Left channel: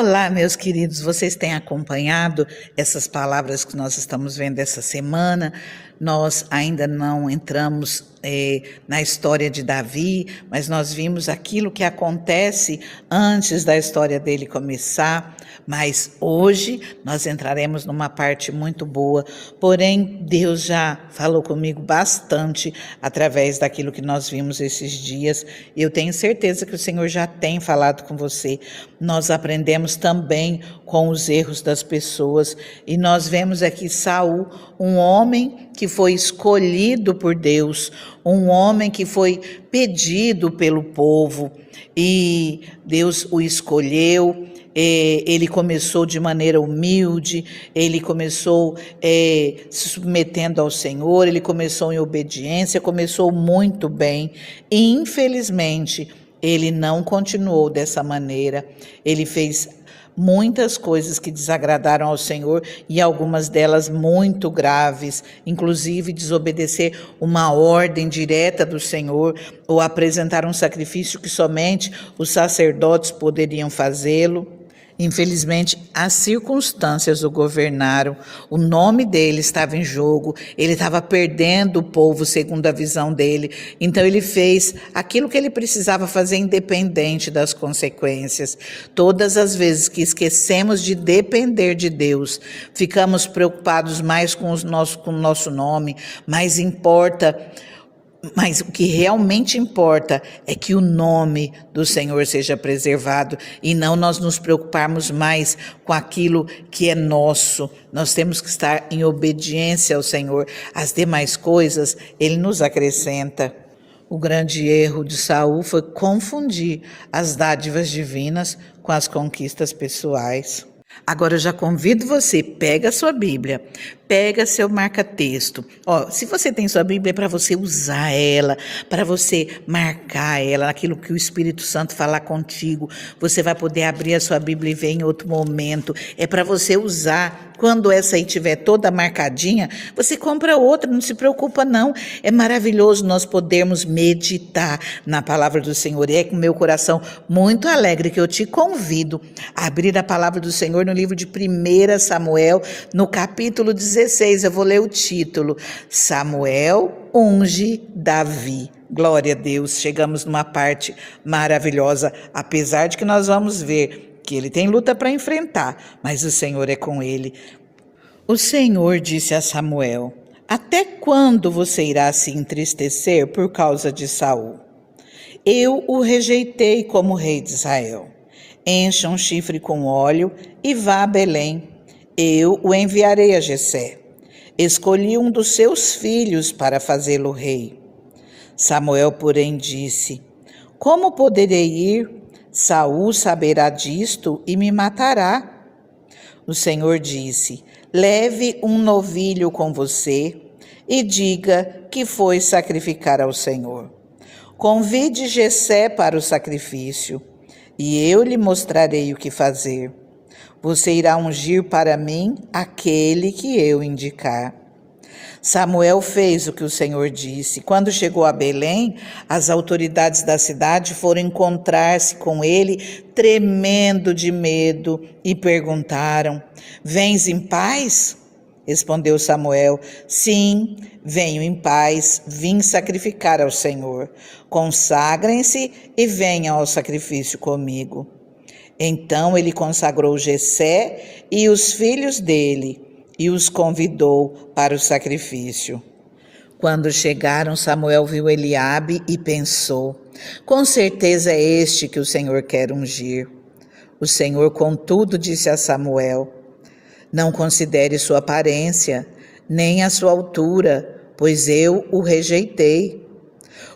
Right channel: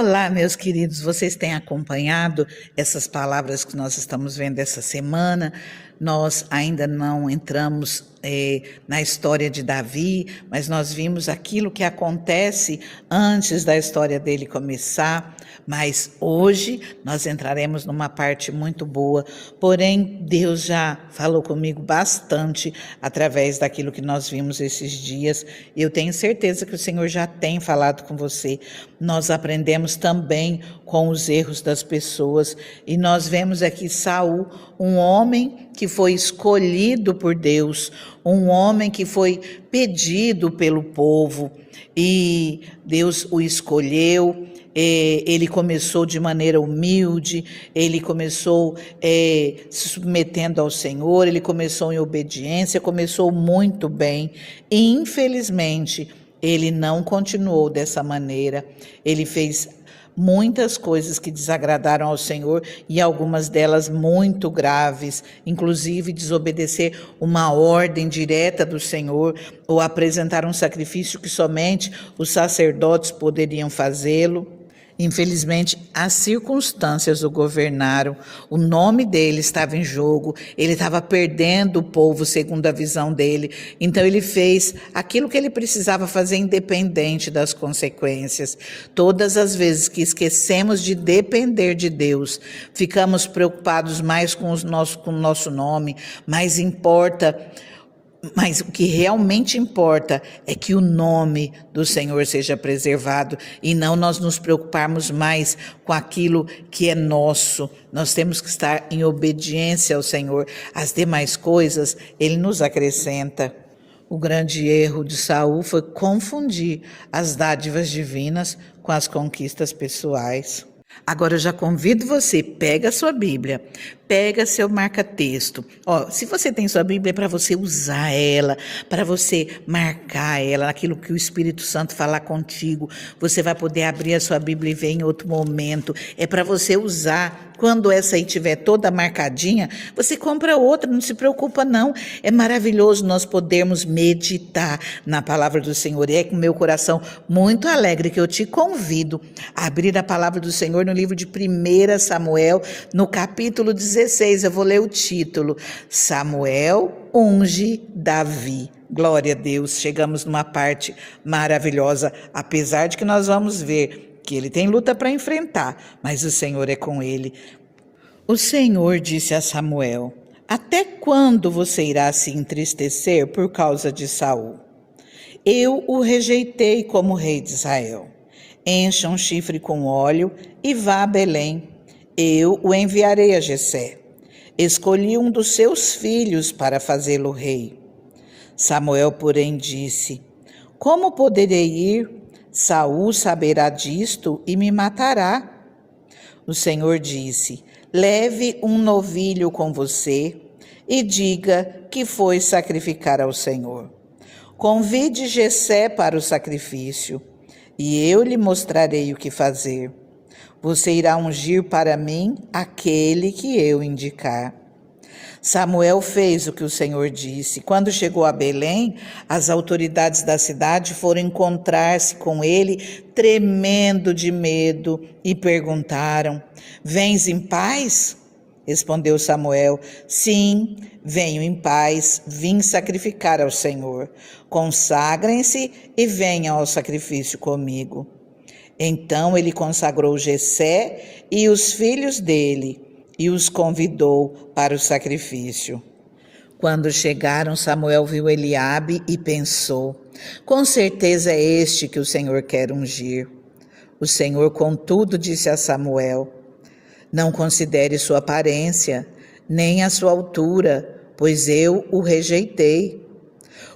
Olá, meus queridos, vocês têm acompanhado essas palavras que nós estamos vendo essa semana? Nós ainda não entramos na história de Davi, mas nós vimos aquilo que acontece antes da história dele começar. Mas hoje nós entraremos numa parte muito boa, porém Deus já falou comigo bastante através daquilo que nós vimos esses dias. Eu tenho certeza que o Senhor já tem falado com você. Nós aprendemos também com os erros das pessoas e nós vemos aqui Saul, um homem que foi escolhido por Deus, um homem que foi pedido pelo povo e Deus o escolheu. Ele começou de maneira humilde, ele começou se submetendo ao Senhor, ele começou em obediência, começou muito bem e infelizmente ele não continuou dessa maneira. Ele fez muitas coisas que desagradaram ao Senhor e algumas delas muito graves, inclusive desobedecer uma ordem direta do Senhor ou apresentar um sacrifício que somente os sacerdotes poderiam fazê-lo. Infelizmente, as circunstâncias o governaram, o nome dele estava em jogo, ele estava perdendo o povo segundo a visão dele, então ele fez aquilo que ele precisava fazer independente das consequências. Todas as vezes que esquecemos de depender de Deus, ficamos preocupados mais com o nosso nome, mas o que realmente importa é que o nome do Senhor seja preservado e não nós nos preocuparmos mais com aquilo que é nosso. Nós temos que estar em obediência ao Senhor. As demais coisas, Ele nos acrescenta. O grande erro de Saul foi confundir as dádivas divinas com as conquistas pessoais. Agora eu já convido você, pega a sua Bíblia, pega seu marca-texto. Se você tem sua Bíblia, é para você usar ela, para você marcar ela, naquilo que o Espírito Santo falar contigo. Você vai poder abrir a sua Bíblia e ver em outro momento. É para você usar. Quando essa aí estiver toda marcadinha, você compra outra, não se preocupa não. É maravilhoso nós podermos meditar na palavra do Senhor. E é com meu coração muito alegre que eu te convido a abrir a palavra do Senhor no livro de 1 Samuel, no capítulo 16. Eu vou ler o título: Samuel unge Davi. Glória a Deus, chegamos numa parte maravilhosa, apesar de que nós vamos ver que ele tem luta para enfrentar, mas o Senhor é com ele. O Senhor disse a Samuel: até quando você irá se entristecer por causa de Saul? Eu o rejeitei como rei de Israel. Encha um chifre com óleo e vá a Belém. Eu o enviarei a Jessé. Escolhi um dos seus filhos para fazê-lo rei. Samuel, porém, disse: como poderei ir? Saul saberá disto e me matará. O Senhor disse: leve um novilho com você e diga que foi sacrificar ao Senhor. Convide Jessé para o sacrifício e eu lhe mostrarei o que fazer. Você irá ungir para mim aquele que eu indicar. Samuel fez o que o Senhor disse. Quando chegou a Belém, as autoridades da cidade foram encontrar-se com ele, tremendo de medo, e perguntaram: vens em paz? Respondeu Samuel: sim, venho em paz, vim sacrificar ao Senhor. Consagrem-se e venham ao sacrifício comigo. Então ele consagrou Jessé e os filhos dele e os convidou para o sacrifício. Quando chegaram, Samuel viu Eliabe e pensou: com certeza é este que o Senhor quer ungir. O Senhor, contudo, disse a Samuel: não considere sua aparência, nem a sua altura, pois eu o rejeitei.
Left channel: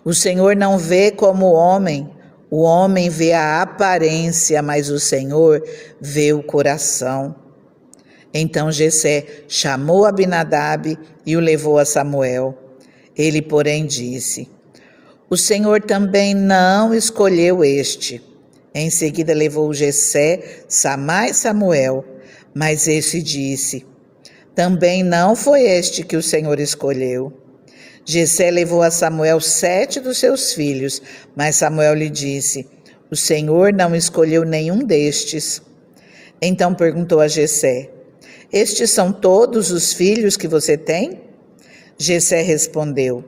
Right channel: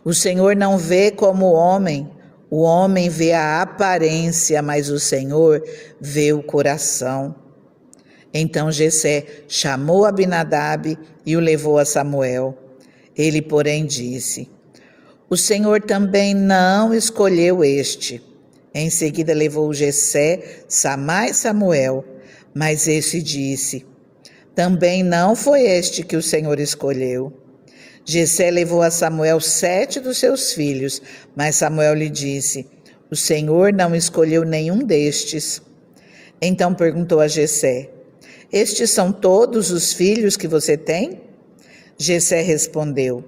O Senhor não vê como o homem vê a aparência, mas o Senhor vê o coração. Então Jessé chamou Abinadab e o levou a Samuel. Ele, porém, disse: o Senhor também não escolheu este. Em seguida levou Jessé, Samá e Samuel, mas esse disse: também não foi este que o Senhor escolheu. Jessé levou a Samuel 7 dos seus filhos, mas Samuel lhe disse: o Senhor não escolheu nenhum destes. Então perguntou a Jessé: estes são todos os filhos que você tem? Jessé respondeu:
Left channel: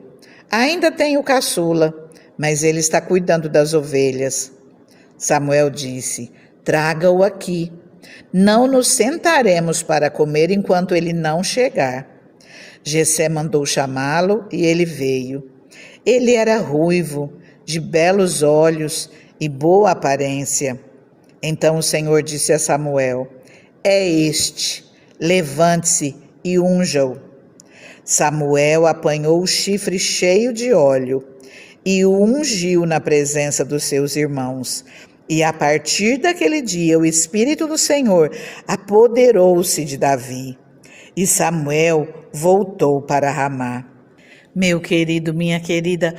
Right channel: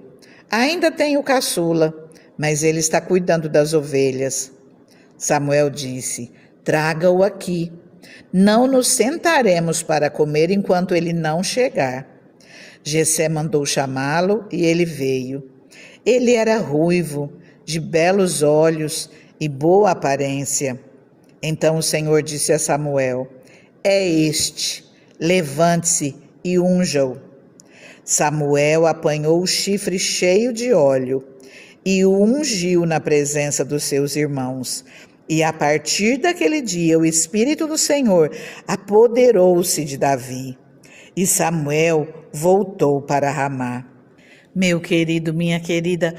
ainda tenho o caçula, mas ele está cuidando das ovelhas. Samuel disse: traga-o aqui. Não nos sentaremos para comer enquanto ele não chegar. Jessé mandou chamá-lo e ele veio. Ele era ruivo, de belos olhos e boa aparência. Então o Senhor disse a Samuel: é este, levante-se e unja-o. Samuel apanhou o chifre cheio de óleo e o ungiu na presença dos seus irmãos. E a partir daquele dia o Espírito do Senhor apoderou-se de Davi. E Samuel voltou para Ramá. Meu querido, minha querida,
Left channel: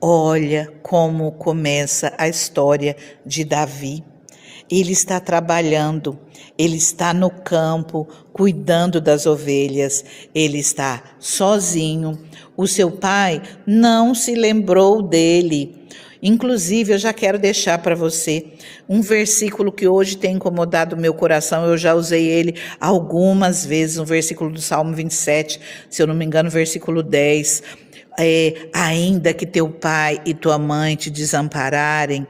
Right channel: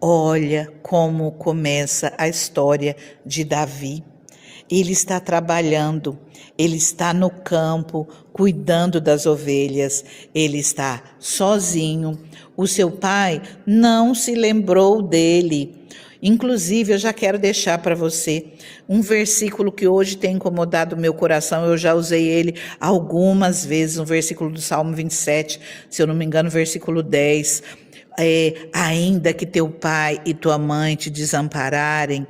olha como começa a história de Davi. Ele está trabalhando, ele está no campo, cuidando das ovelhas, ele está sozinho. O seu pai não se lembrou dele. Inclusive, eu já quero deixar para você um versículo que hoje tem incomodado o meu coração. Eu já usei ele algumas vezes, um versículo do Salmo 27, se eu não me engano, versículo 10. Ainda que teu pai e tua mãe te desampararem,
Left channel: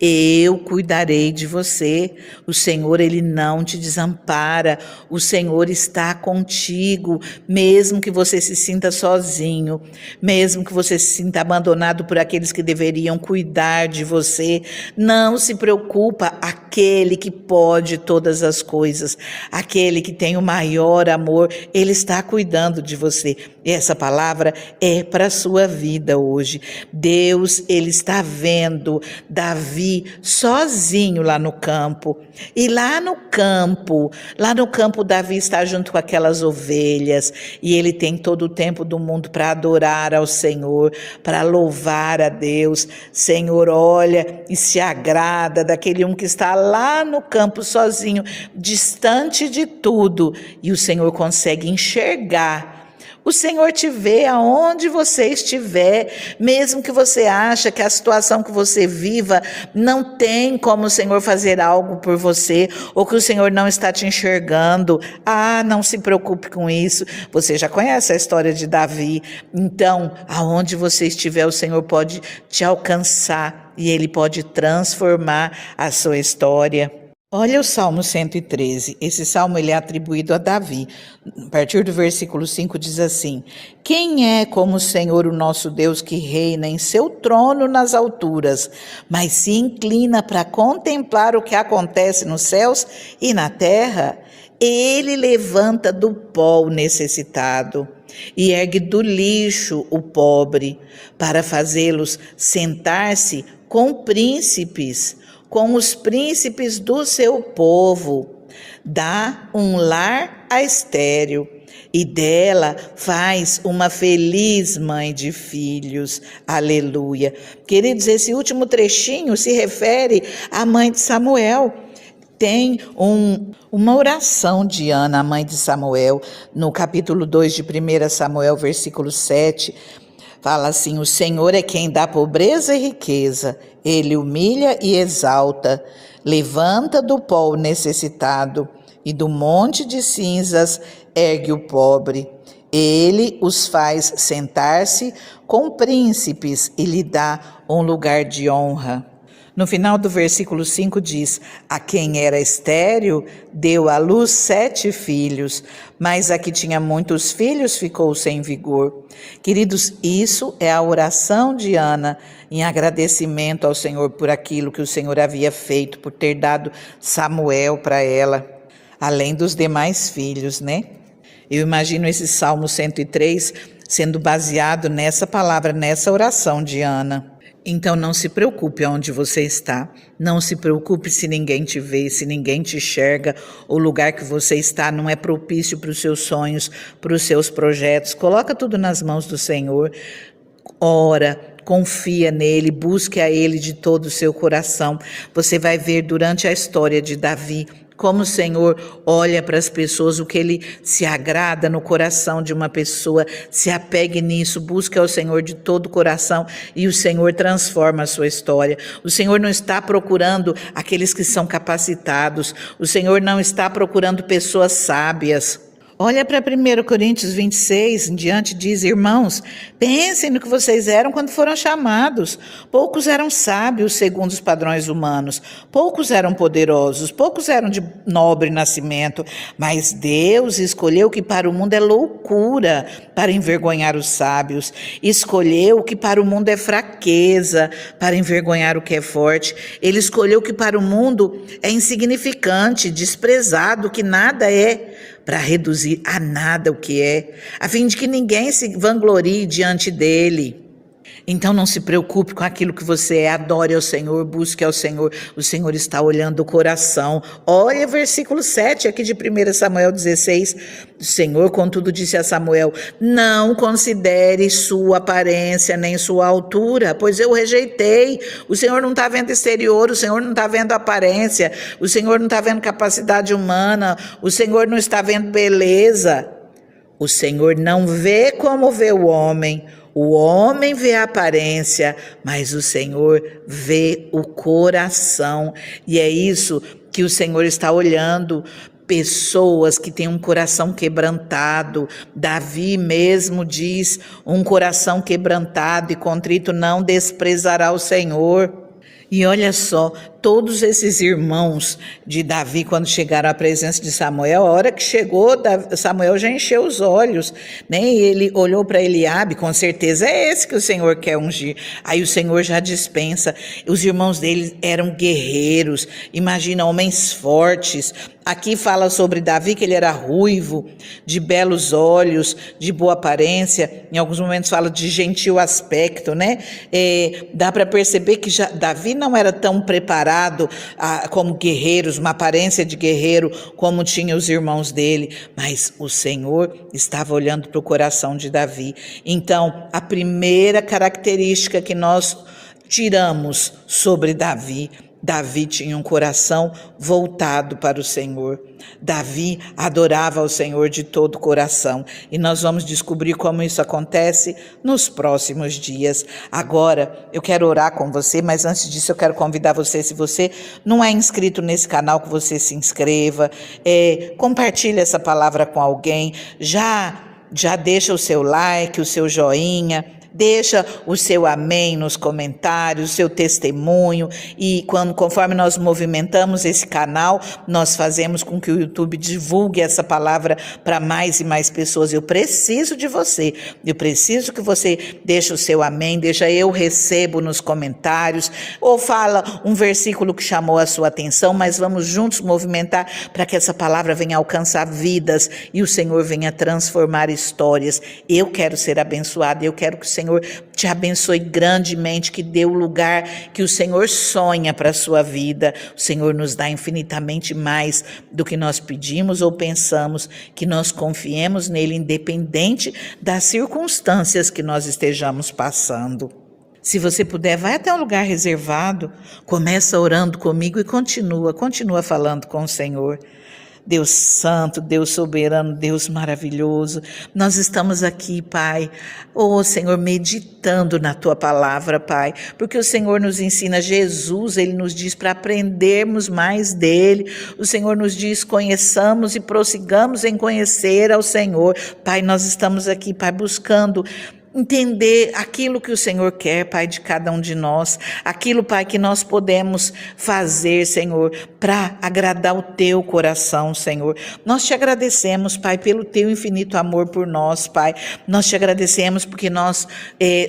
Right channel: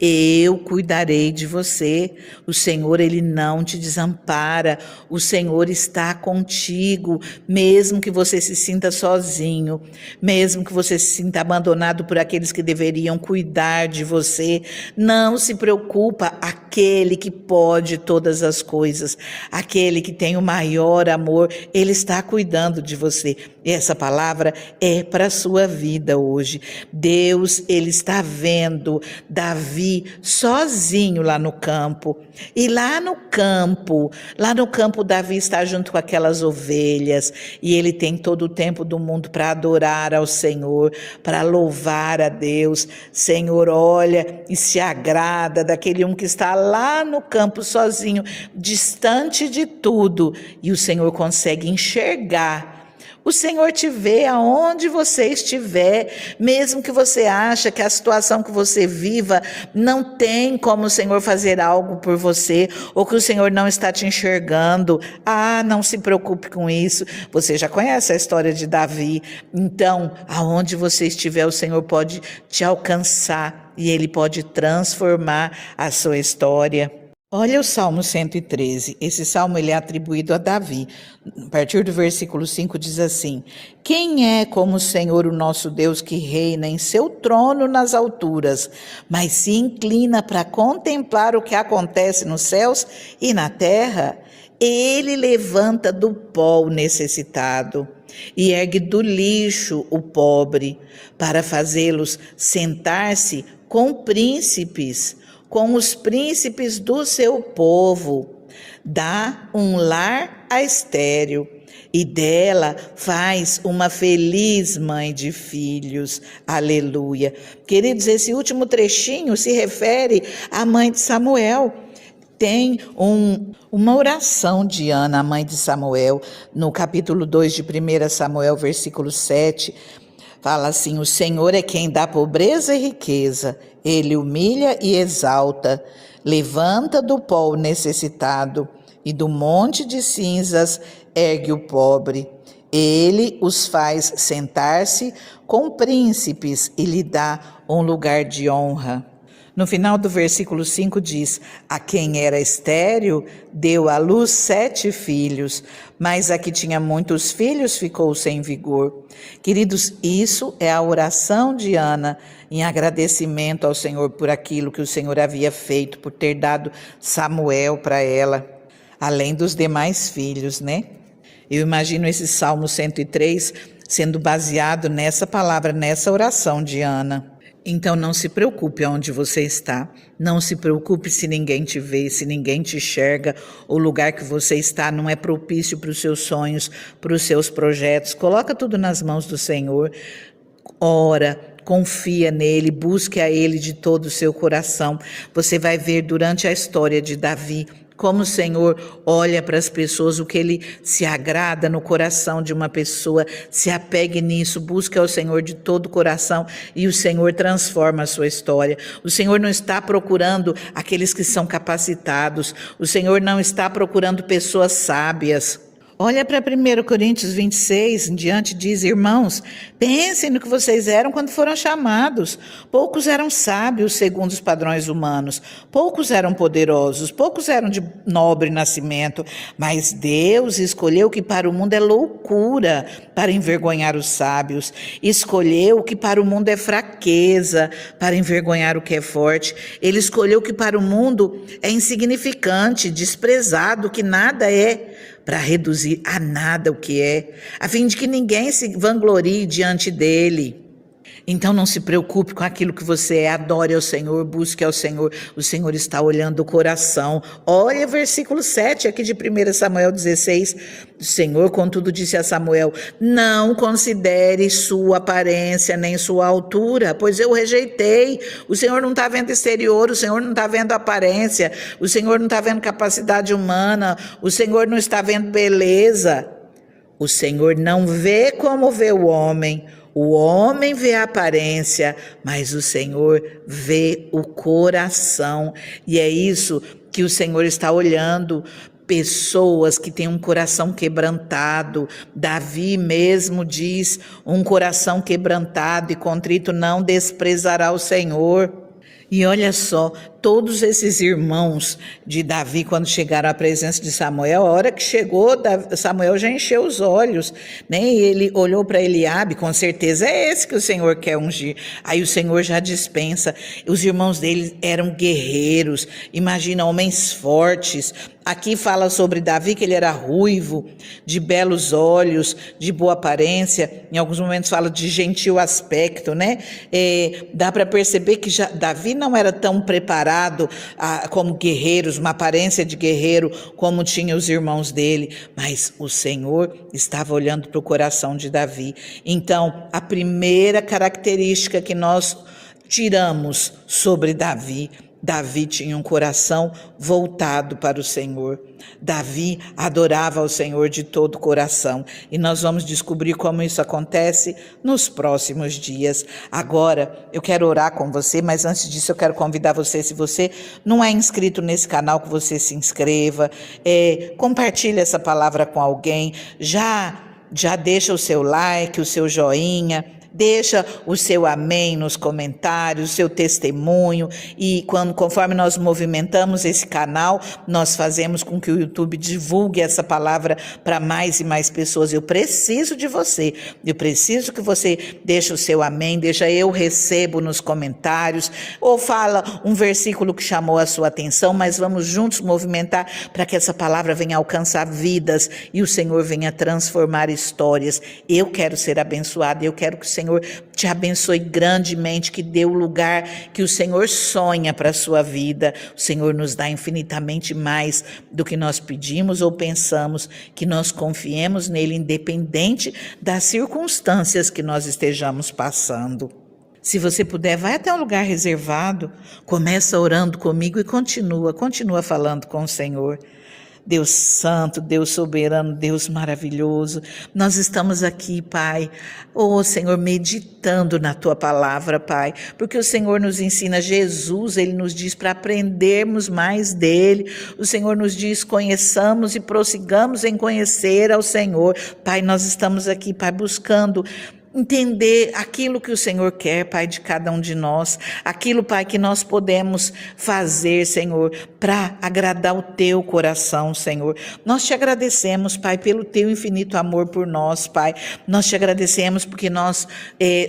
eu cuidarei de você. O Senhor, ele não te desampara. O Senhor está contigo, mesmo que você se sinta sozinho, mesmo que você se sinta abandonado por aqueles que deveriam cuidar de você. Não se preocupa, aquele que pode todas as coisas, aquele que tem o maior amor, ele está cuidando de você. E essa palavra é para a sua vida hoje. Deus, ele está vendo Davi sozinho lá no campo. E lá no campo, Davi está junto com aquelas ovelhas. E ele tem todo o tempo do mundo para adorar ao Senhor, para louvar a Deus. Senhor, olha e se agrada daquele que está lá no campo sozinho, distante de tudo. E o Senhor consegue enxergar. O Senhor te vê aonde você estiver, mesmo que você ache que a situação que você viva não tem como o Senhor fazer algo por você, ou que o Senhor não está te enxergando. Não se preocupe com isso. Você já conhece a história de Davi. Então, aonde você estiver, o Senhor pode te alcançar e Ele pode transformar a sua história. Olha o Salmo 113, esse salmo ele é atribuído a Davi. A partir do versículo 5 diz assim: quem é como o Senhor, o nosso Deus, que reina em seu trono nas alturas, mas se inclina para contemplar o que acontece nos céus e na terra? Ele levanta do pó o necessitado e ergue do lixo o pobre, para fazê-los sentar-se com príncipes, com os príncipes do seu povo. Dá um lar à estéril e dela faz uma feliz mãe de filhos. Aleluia. Queridos, esse último trechinho se refere à mãe de Samuel. Tem uma oração de Ana, a mãe de Samuel, no capítulo 2 de 1 Samuel, versículo 7, fala assim: o Senhor é quem dá pobreza e riqueza, ele humilha e exalta, levanta do pó o necessitado e do monte de cinzas ergue o pobre. Ele os faz sentar-se com príncipes e lhe dá um lugar de honra. No final do versículo 5 diz: a quem era estéril deu à luz 7 filhos, mas a que tinha muitos filhos ficou sem vigor. Queridos, isso é a oração de Ana em agradecimento ao Senhor por aquilo que o Senhor havia feito, por ter dado Samuel para ela, além dos demais filhos, né? Eu imagino esse Salmo 103 sendo baseado nessa palavra, nessa oração de Ana. Então não se preocupe onde você está, não se preocupe se ninguém te vê, se ninguém te enxerga, o lugar que você está não é propício para os seus sonhos, para os seus projetos. Coloca tudo nas mãos do Senhor, ora, confia nele, busque a ele de todo o seu coração. Você vai ver durante a história de Davi como o Senhor olha para as pessoas, o que Ele se agrada no coração de uma pessoa. Se apegue nisso, busque ao Senhor de todo o coração e o Senhor transforma a sua história. O Senhor não está procurando aqueles que são capacitados, o Senhor não está procurando pessoas sábias. Olha para 1 Coríntios 26, em diante diz: irmãos, pensem no que vocês eram quando foram chamados. Poucos eram sábios segundo os padrões humanos, poucos eram poderosos, poucos eram de nobre nascimento, mas Deus escolheu o que para o mundo é loucura para envergonhar os sábios, escolheu o que para o mundo é fraqueza para envergonhar o que é forte. Ele escolheu o que para o mundo é insignificante, desprezado, que nada é, para reduzir a nada o que é, a fim de que ninguém se vanglorie diante dele. Então não se preocupe com aquilo que você é, adore ao Senhor, busque ao Senhor, o Senhor está olhando o coração. Olha o versículo 7 aqui de 1 Samuel 16, o Senhor contudo disse a Samuel: não considere sua aparência nem sua altura, pois eu o rejeitei. O Senhor não está vendo exterior, o Senhor não está vendo aparência, o Senhor não está vendo capacidade humana, o Senhor não está vendo beleza. O Senhor não vê como vê o homem vê a aparência, mas o Senhor vê o coração. E é isso que o Senhor está olhando, pessoas que têm um coração quebrantado. Davi mesmo diz: um coração quebrantado e contrito não desprezará o Senhor. E olha só, todos esses irmãos de Davi, quando chegaram à presença de Samuel, a hora que chegou, Samuel já encheu os olhos, né? E ele olhou para Eliabe: com certeza é esse que o Senhor quer ungir. Aí o Senhor já dispensa. Os irmãos dele eram guerreiros, imagina, homens fortes. Aqui fala sobre Davi, que ele era ruivo, de belos olhos, de boa aparência. Em alguns momentos fala de gentil aspecto, né? Dá para perceber que Davi não era tão preparado como guerreiros, uma aparência de guerreiro como tinham os irmãos dele, mas o Senhor estava olhando para o coração de Davi. Então, a primeira característica que nós tiramos sobre Davi tinha um coração voltado para o Senhor. Davi adorava ao Senhor de todo o coração. E nós vamos descobrir como isso acontece nos próximos dias. Agora, eu quero orar com você, mas antes disso eu quero convidar você, se você não é inscrito nesse canal, que você se inscreva, compartilhe essa palavra com alguém, já deixa o seu like, o seu joinha, deixa o seu amém nos comentários, o seu testemunho, e conforme nós movimentamos esse canal, nós fazemos com que o YouTube divulgue essa palavra para mais e mais pessoas. Eu preciso de você, eu preciso que você deixe o seu amém, eu recebo nos comentários, ou fala um versículo que chamou a sua atenção, mas vamos juntos movimentar para que essa palavra venha alcançar vidas e o Senhor venha transformar histórias. Eu quero ser abençoada, eu quero que o Senhor te abençoe grandemente, que dê o lugar que o Senhor sonha para a sua vida. O Senhor nos dá infinitamente mais do que nós pedimos ou pensamos, que nós confiemos nele, independente das circunstâncias que nós estejamos passando. Se você puder, vai até um lugar reservado, começa orando comigo e continua falando com o Senhor. Deus santo, Deus soberano, Deus maravilhoso, nós estamos aqui, Pai, Senhor, meditando na Tua palavra, Pai, porque o Senhor nos ensina, Jesus, Ele nos diz para aprendermos mais dEle, o Senhor nos diz: conheçamos e prossigamos em conhecer ao Senhor. Pai, nós estamos aqui, Pai, buscando entender aquilo que o Senhor quer, Pai, de cada um de nós, aquilo, Pai, que nós podemos fazer, Senhor, para agradar o Teu coração, Senhor. Nós te agradecemos, Pai, pelo Teu infinito amor por nós, Pai. Nós te agradecemos porque nós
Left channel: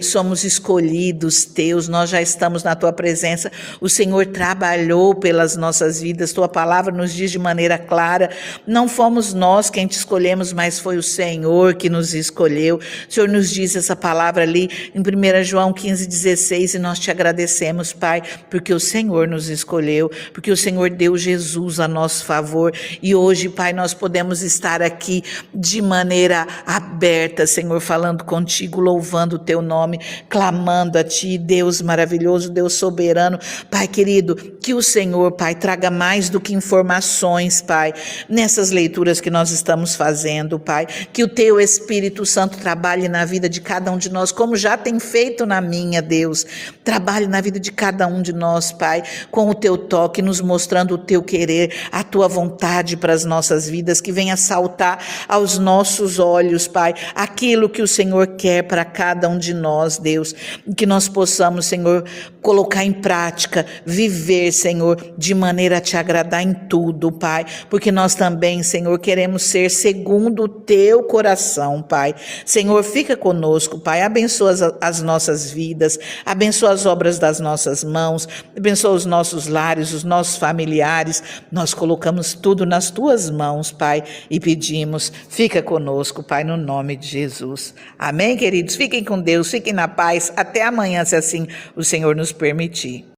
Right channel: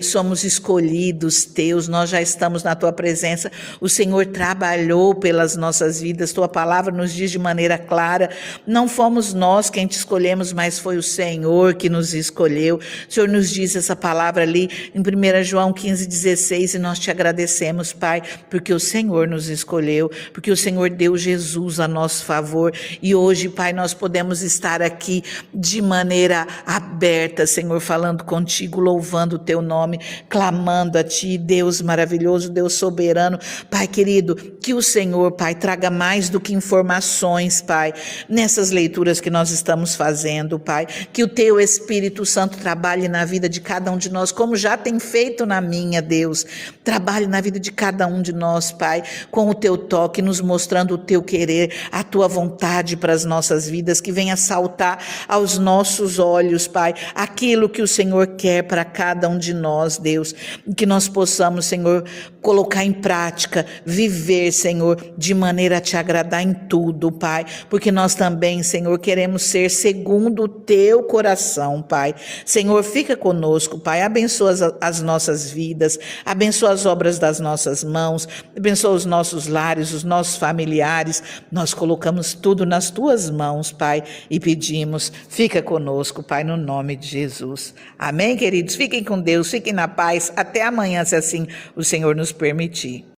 somos escolhidos Teus, nós já estamos na Tua presença. O Senhor trabalhou pelas nossas vidas, Tua palavra nos diz de maneira clara: não fomos nós quem te escolhemos, mas foi o Senhor que nos escolheu. O Senhor nos diz essa palavra ali em 1 João 15,16, e nós te agradecemos, Pai, porque o Senhor nos escolheu, porque o Senhor deu Jesus a nosso favor, e hoje, Pai, nós podemos estar aqui de maneira aberta, Senhor, falando contigo, louvando o teu nome, clamando a ti, Deus maravilhoso, Deus soberano. Pai querido, que o Senhor, Pai, traga mais do que informações, Pai, nessas leituras que nós estamos fazendo, Pai, que o teu Espírito Santo trabalhe na vida de cada um de nós, como já tem feito na minha, Deus, trabalhe na vida de cada um de nós, Pai, com o teu toque, nos mostrando o teu querer, a tua vontade para as nossas vidas, que venha saltar aos nossos olhos, Pai, aquilo que o Senhor quer para cada um de nós, Deus, que nós possamos, Senhor, colocar em prática, viver, Senhor, de maneira a te agradar em tudo, Pai, porque nós também, Senhor, queremos ser segundo o teu coração, Pai. Senhor, fica conosco, Pai, abençoa as nossas vidas, abençoa as obras das nossas mãos, abençoa os nossos lares, os nossos familiares. Nós colocamos tudo nas tuas mãos, Pai, e pedimos, fica conosco, Pai, no nome de Jesus. Amém, queridos? Fiquem com Deus, fiquem na paz, até amanhã, se assim o Senhor nos permitir.